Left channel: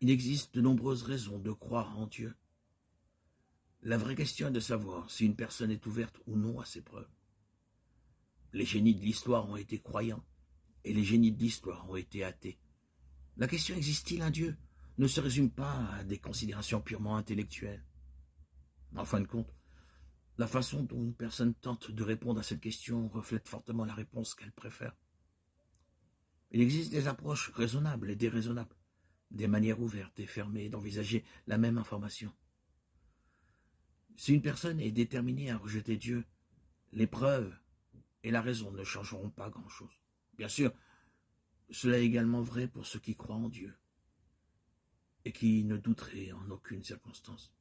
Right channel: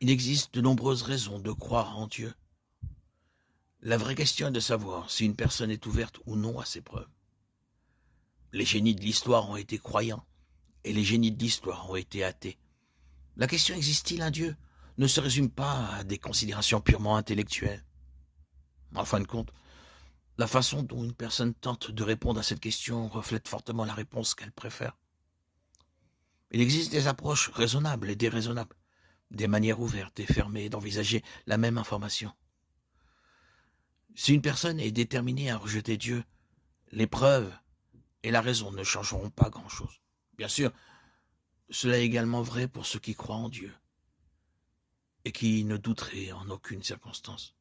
Il existe de nombreuses raisons de croire en Dieu. La vraie question est de savoir si une personne est ouverte ou non à ces preuves. Les génies de l'histoire ont été croyants et les génies de l'histoire ont été athées. La question existe-t-il un Dieu ne se résume pas à des considérations purement intellectuelles. En fin de compte, la façon dont une personne tente de répondre à cette question reflète fortement la réponse qu'elle préfère. Il existe des approches raisonnables et déraisonnables, des manières ouvertes et fermées d'envisager la même information. Si une personne est déterminée à rejeter Dieu, les preuves et la raison ne changeront pas grand-chose. Bien sûr, cela est également vrai pour ceux qui croient en Dieu et qui ne douteraient en aucune circonstance.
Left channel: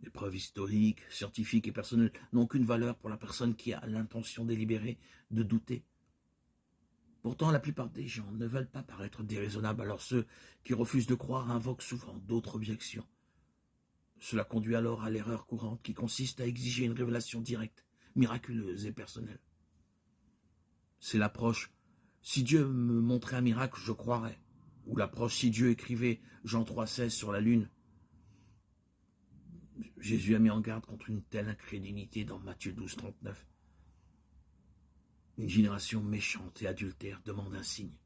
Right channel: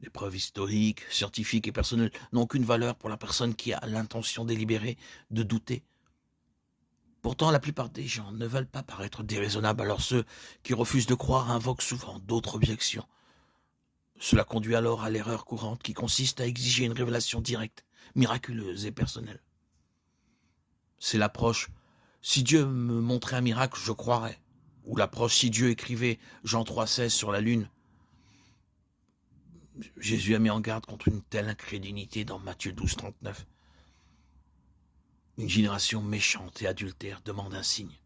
Les preuves historiques, scientifiques et personnelles n'ont aucune valeur pour la personne qui a l'intention délibérée de douter. Pourtant, la plupart des gens ne veulent pas paraître déraisonnables, alors ceux qui refusent de croire invoquent souvent d'autres objections. Cela conduit alors à l'erreur courante qui consiste à exiger une révélation directe, miraculeuse et personnelle. C'est l'approche « si Dieu me montrait un miracle, je croirais » ou l'approche « si Dieu écrivait Jean 3,16 sur la lune ». Jésus a mis en garde contre une telle incrédulité dans Matthieu 12,39. Une génération méchante et adultère demande un signe.